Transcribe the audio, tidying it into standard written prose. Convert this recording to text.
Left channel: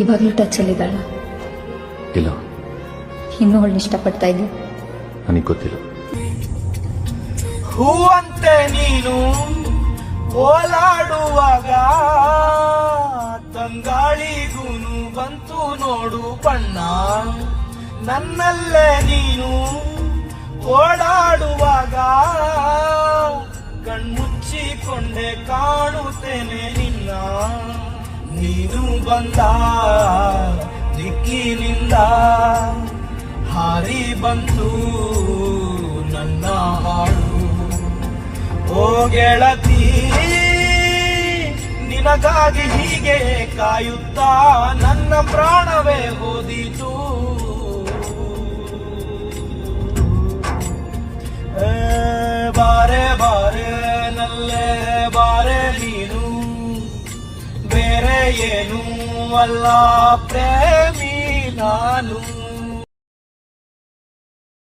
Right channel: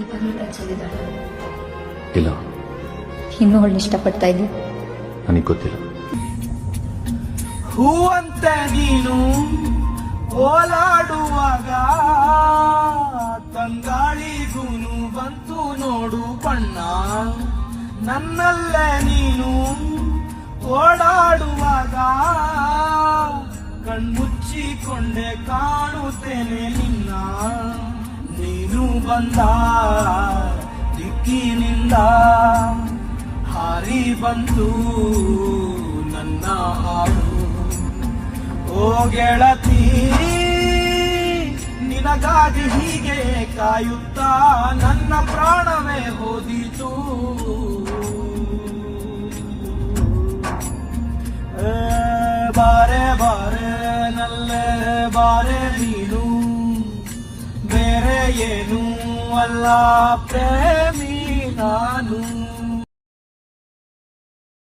ಇವಾಗಲೂ ಟಚಲ್ಲಿದ್ದಾಳ? ಇಲ್ಲ. ಇನ್ನೂ ಅವಳನ್ನ ಇಷ್ಟಪಡ್ತಾ ಇದ್ದೀನಿ. ನನಗೆ ಗೊತ್ತಿಲ್ಲ. ಹೂವಂತೆ ನೀನು ಓಲಾಡುವಾಗ ತಂಗಾಳಿಗೂನು ಬಂತು ನೋಡು ಬಣ್ಣ. ನನ್ನಲ್ಲೇ ನೀನು ಓಡಾಡುವಾಗ ಕಣ್ಮುಚ್ಚಿಕೊಂಡೆ ಕಾಣುತ್ತೇನೆ ನಿನ್ನ. ನೀನು ಬಂದ ದಿಕ್ಕಿನಿಂದ ಹಾರಿ ಬಂತು ನನ್ನ ಹಾಡು. ಓ ಗೆಳತಿ, ನಿನಗಾಗಿ ಹೀಗೆ ಕಾಯುತ್ತಾ ನನ್ನ ಪ್ರಾಣವೇ ಹೋದಿತು. ಬಾರೆ ಬಾರೆ ನಲ್ಲೇ ಬಾರೆ ನೀನು, ಬೇರೆ ಏನು ಅಲ್ಲ ಪ್ರೇಮಿ ನಾನು.